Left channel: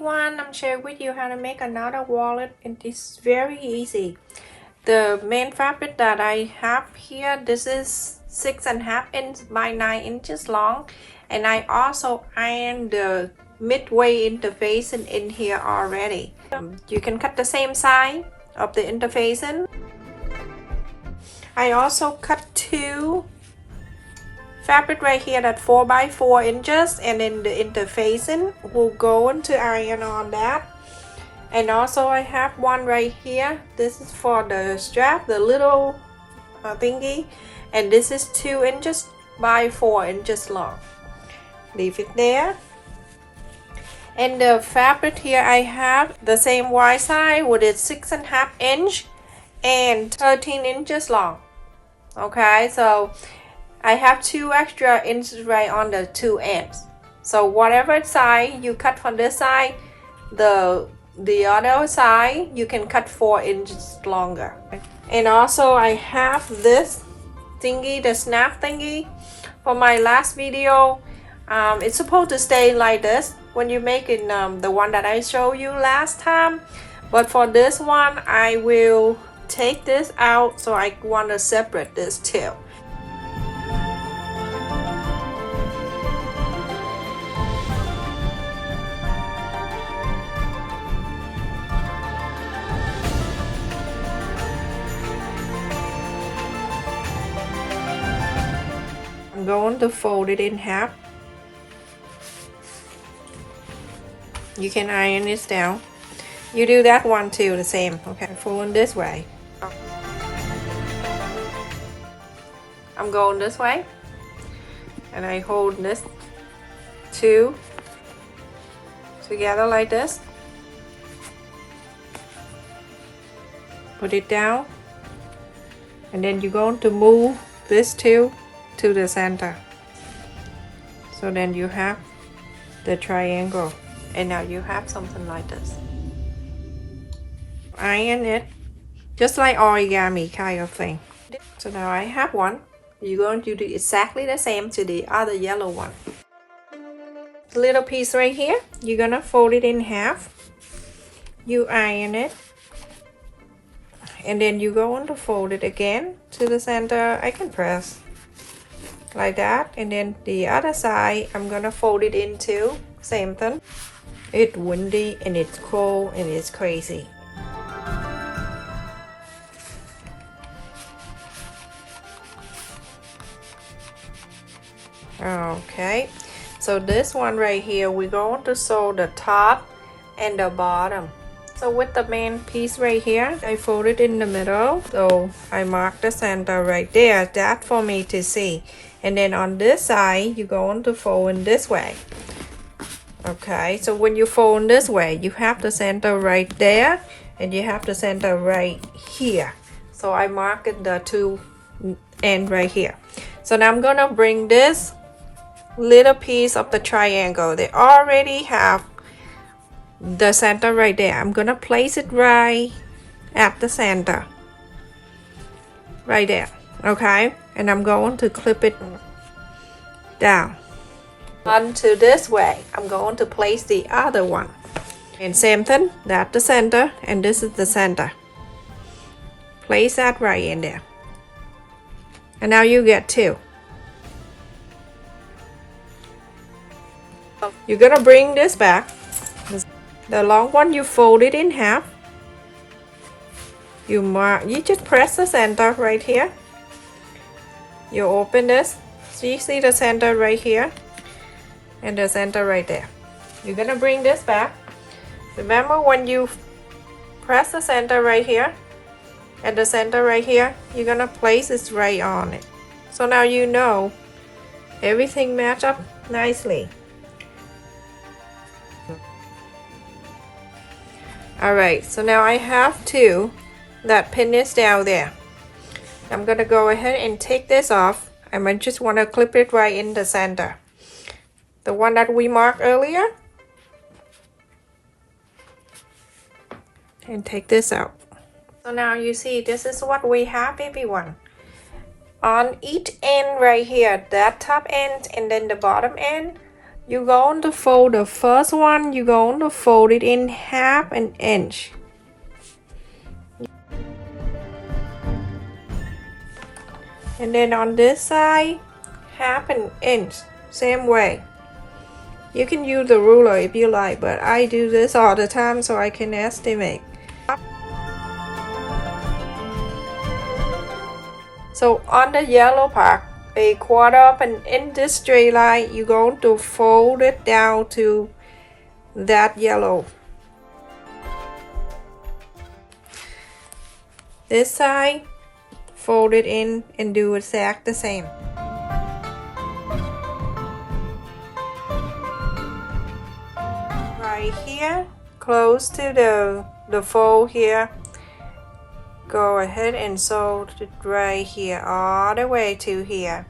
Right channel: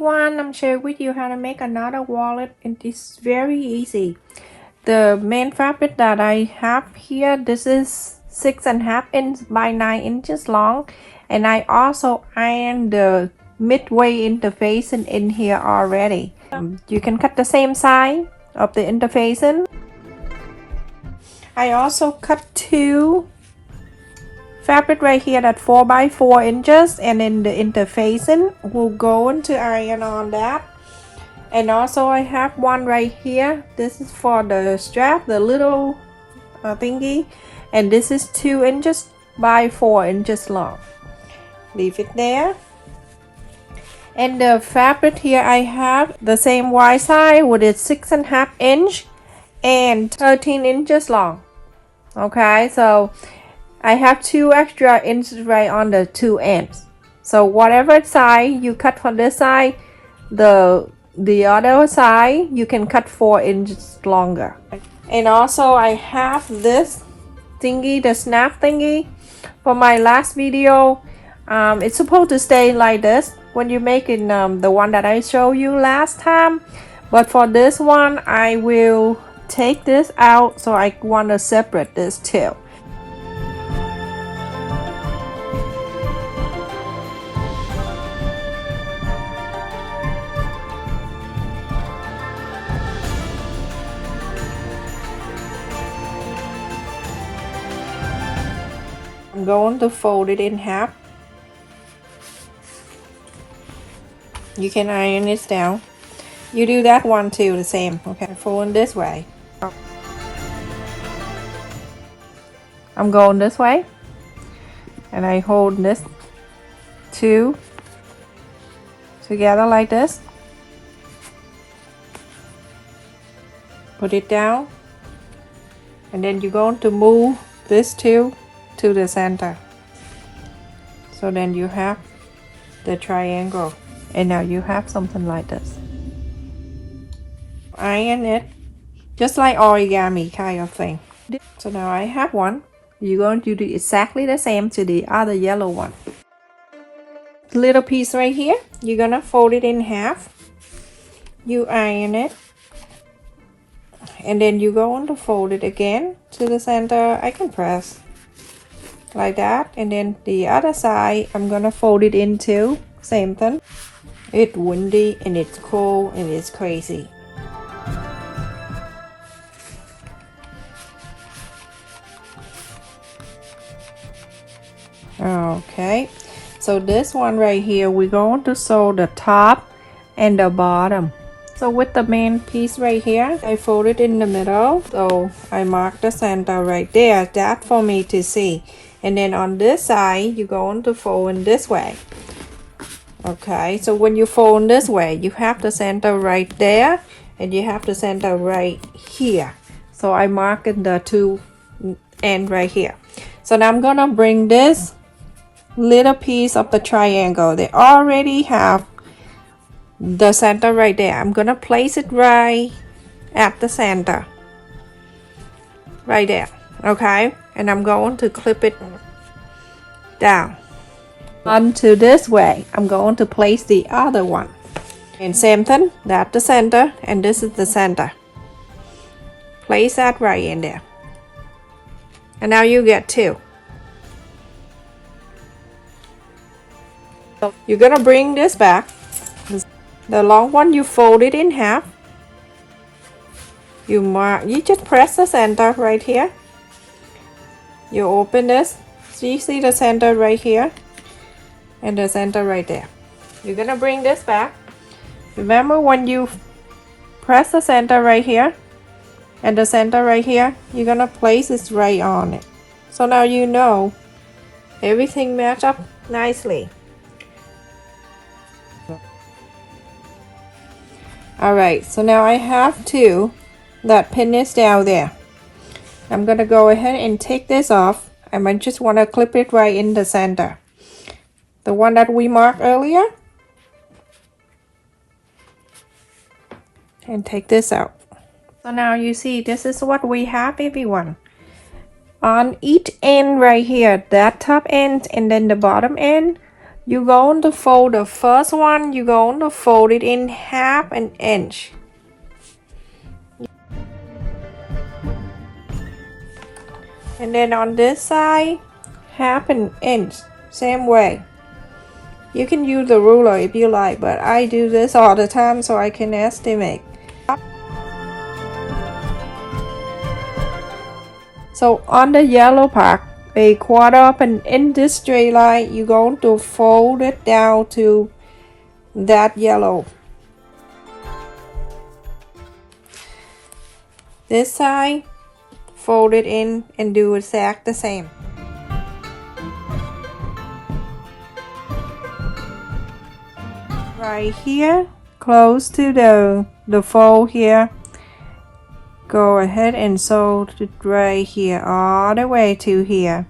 everyone, I'm sharing with you how to make another wallet. It is very easy. The main fabric that I have here, this is 6.5 inch by 9 inches long, and I also ironed the midway interfacing in here already. You can cut the same side of the interfacing. I also cut two fabric right here at 4 by 4 inches, and in the interfacing we'll go into iron on that. And also I have one right here. This is for the strap, the little thingy, and this is 2 inches by 4 inches long. Leave it there. And the fabric here, I have the same wide side with its 6.5 inch and 13 inches long. Okay, so I have 2 extra inches right on the 2 ends. So whatever side you cut from this side, the other side you can cut 4 inches longer. And also I have this thingy, the snap thingy. For my last video, it's supposed to stay like this when you're making the one that I showed you last time. But for this one, I will take this out, so I want to separate this too. I'm going to fold it in half. You can iron this down. You do that one too, the same. Okay, fold this way. I'm going this way, and I hold this two together like this. Put it down, and then you're going to move this two to the center. So then you have the triangle, and now you have something like this. Iron it just like origami kind of thing. So now I have one. You're going to do exactly the same to the other yellow one. Little piece right here, you're gonna fold it in half. You iron it, and then you're going to fold it again to the center. I can press like that, and then the other side I'm gonna fold it into same thing. It's windy and it's cold and it's crazy. Okay, so this one right here, we're going to sew the top and the bottom. So with the main piece right here, I fold it in the middle, so I mark the center right there. That for me to see. And then on this side, you're going to fold in this way. Okay, so when you fold this way, you have the center right there, and you have the center right here. So I mark in the two end right here. So now I'm gonna bring this little piece of the triangle. They already have the center right there. I'm gonna place it right at the center. Right there. Okay, and I'm going to clip it down. Onto this way, I'm going to place the other one. And same thing, that's the center, and this is the center. Place that right in there. And now you get two. You're gonna bring this back. The long one, you fold it in half. You just press the center right here. You open this, so you see the center right here and the center right there. You're gonna bring this back. Remember, when you press the center right here and the center right here, you're gonna place this right on it. So now you know everything match up nicely. Alright, so now I have two that pin is down there. I'm gonna go ahead and take this off. I might just want to clip it right in the center. The one that we marked earlier. And take this out. So now you see, this is what we have, everyone. On each end right here, that top end and then the bottom end, you're going to fold the first one, you're going to fold it in 1/2 inch. And then on this side, 1/2 inch, same way. You can use the ruler if you like, but I do this all the time so I can estimate. So on the yellow part, 1/4 inch this straight line, you're going to fold it down to that yellow. This side, fold it in and do exact the same. Right here, close to the fold here, go ahead and sew it right here all the way to here.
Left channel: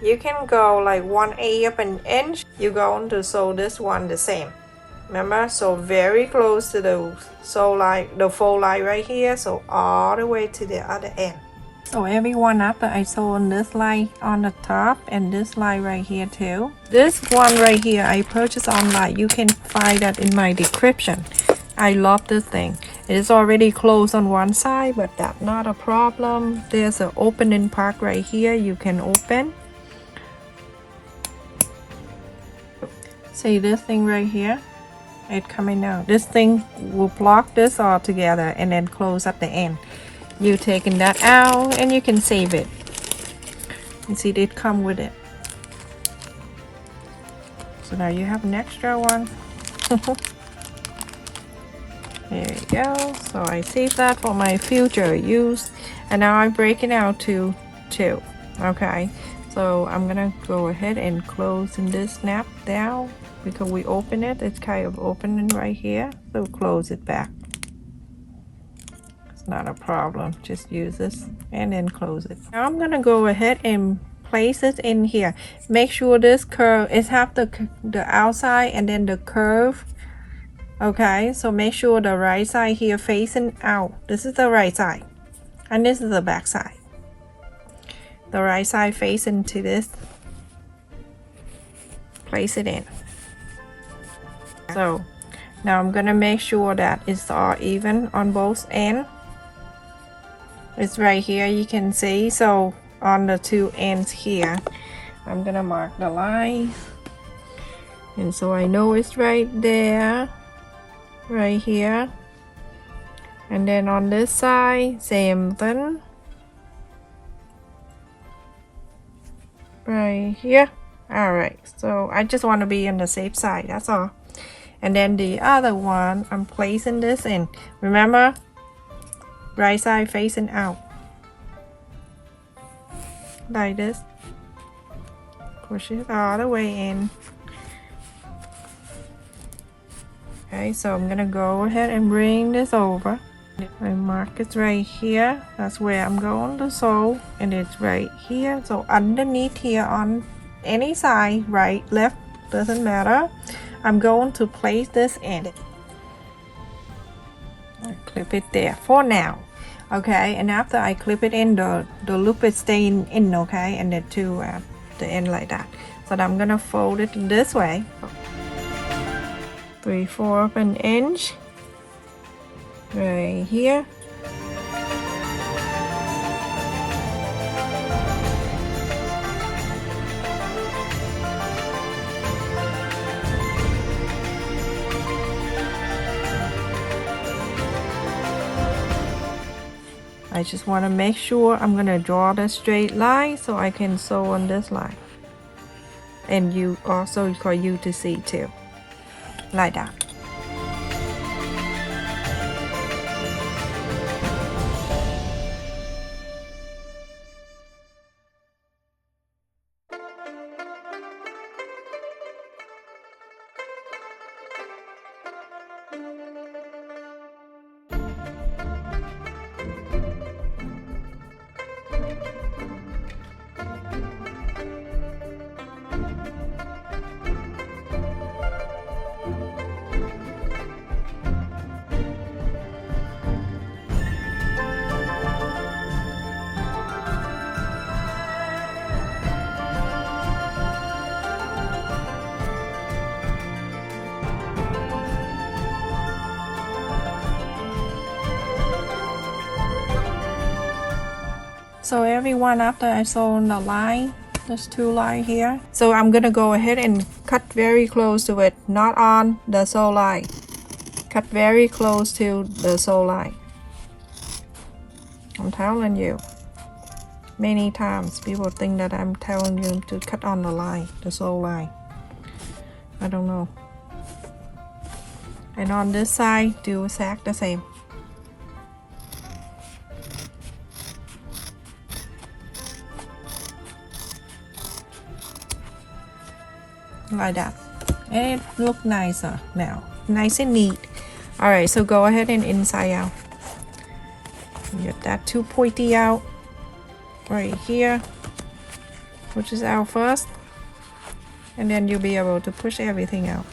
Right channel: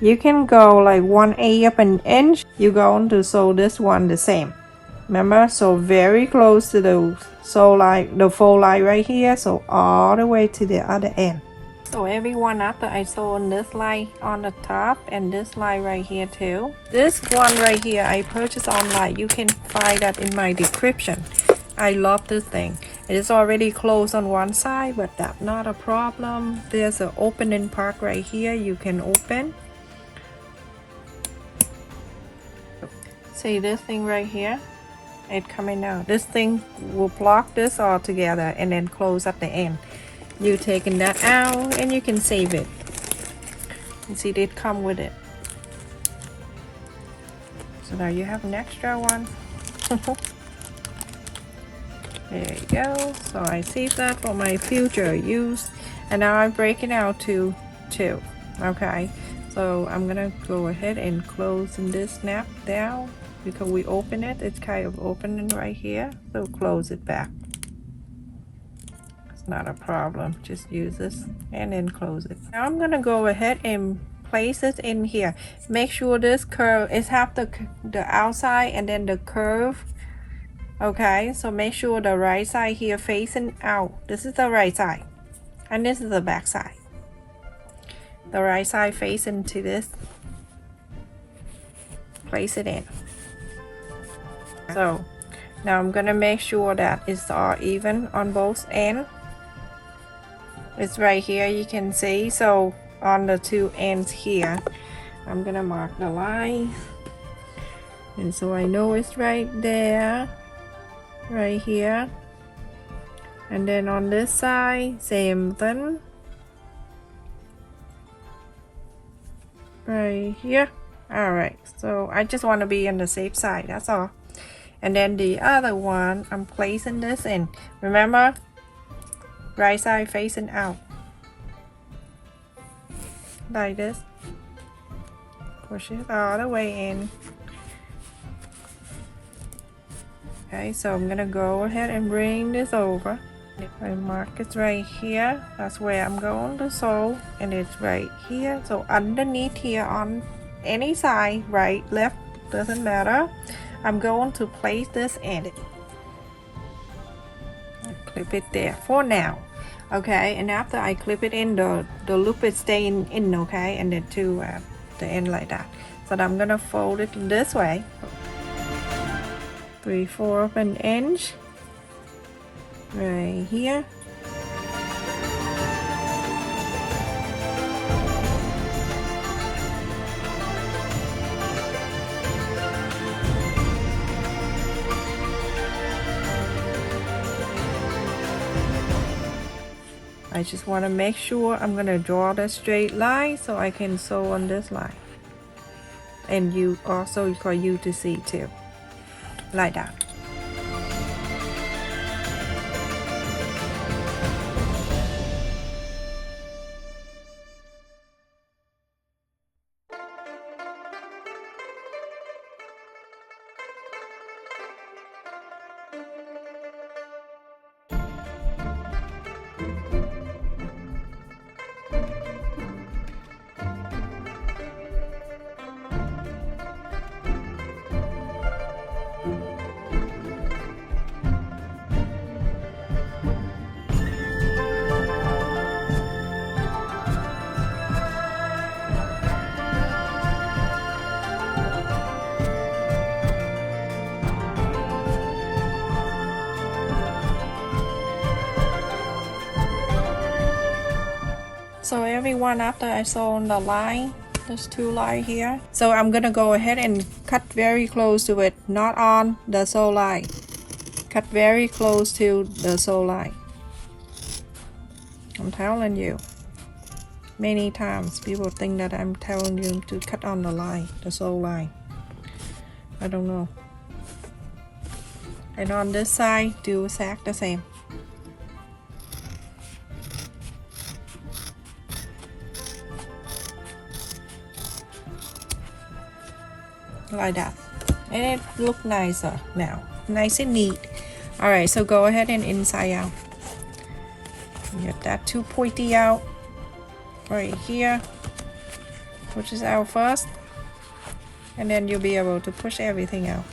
You can go like 1/8 inch. You're going to sew this one the same. Remember, so very close to the sew line, the fold line right here, so all the way to the other end. So everyone, after I sew on this line on the top and this line right here too. This one right here I purchased online. You can find that in my description. I love this thing. It is already closed on one side, but that's not a problem. There's an opening part right here you can open. See this thing right here? It coming out. This thing will block this all together and then close at the end. You taking that out and you can save it. You see it come with it. So now you have an extra one. There you go. So I save that for my future use. And now I'm breaking out to 2. Okay. So I'm gonna go ahead and close this snap down because we open it. It's kind of opening right here. So close it back. It's not a problem. Just use this and then close it. Now I'm gonna go ahead and place it in here. Make sure this curve is half the outside and then the curve. Okay, so make sure the right side here facing out. This is the right side and this is the back side. The right side facing to this. Place it in. So now I'm gonna make sure that it's all even on both ends. It's right here, you can see. So on the 2 ends here, I'm gonna mark the line, and so I know it's right there, right here. And then on this side, same thing, right here. All right, so I just want to be on the safe side, that's all. And then the other one, I'm placing this in. Remember, right side facing out, like this. Push it all the way in. Okay, so I'm gonna go ahead and bring this over. I mark it right here. That's where I'm going to sew, and it's right here. So underneath here on any side, right, left, doesn't matter. I'm going to place this in. I clip it there for now. Okay, and after I clip it in, the loop is staying in, okay, and then to the end like that. So I'm gonna fold it this way, 3/4 inch right here. I just want to make sure I'm gonna draw the straight line so I can sew on this line, and you also for you to see too, like that. So everyone, after I sew on the line, there's 2 lines here. So I'm gonna go ahead and cut very close to it, not on the sew line. Cut very close to the sew line. I'm telling you. Many times people think that I'm telling you to cut on the line, the sew line. I don't know. And on this side, do exactly the same. Like that. And it looks nicer now. Nice and neat. Alright, so go ahead and inside out. Get that too pointy out. Right here. Push this out first. And then you'll be able to push everything out.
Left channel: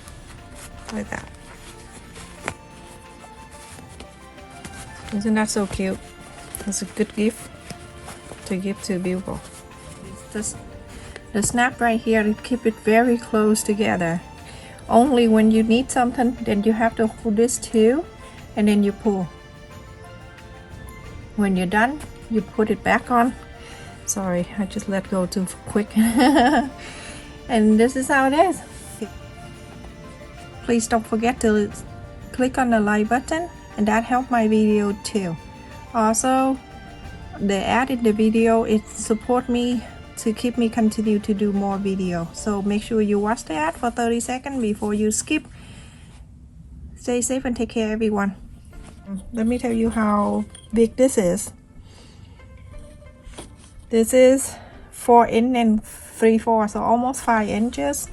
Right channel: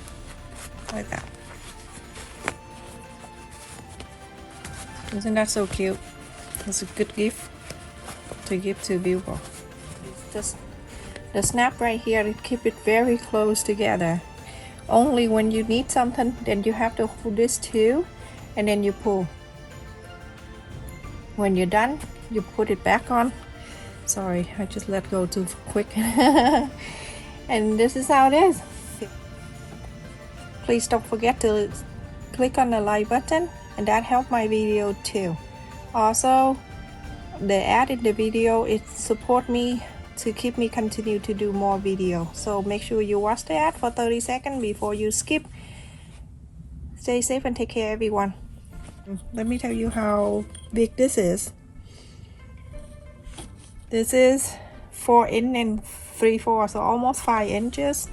Like that. Isn't that so cute? It's a good gift to give to people. Just the snap right here to keep it very close together. Only when you need something, then you have to hold this too, and then you pull. When you're done, you put it back on. Sorry, I just let go too quick. And this is how it is. Please don't forget to click on the like button, and that helps my video too. Also, the ad in the video, it support me to keep me continue to do more video. So make sure you watch the ad for 30 seconds before you skip. Stay safe and take care, everyone. Let me tell you how big this is. This is 4 and 3/4, so almost 5 inches.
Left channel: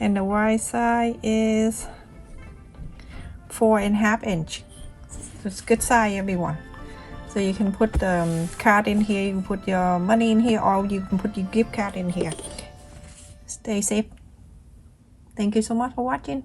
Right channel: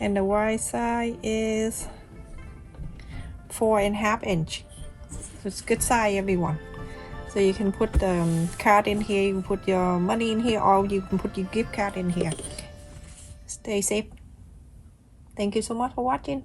And the right side is 4.5 inch. So it's good size, everyone. So you can put the card in here, you can put your money in here, or you can put your gift card in here. Stay safe. Thank you so much for watching.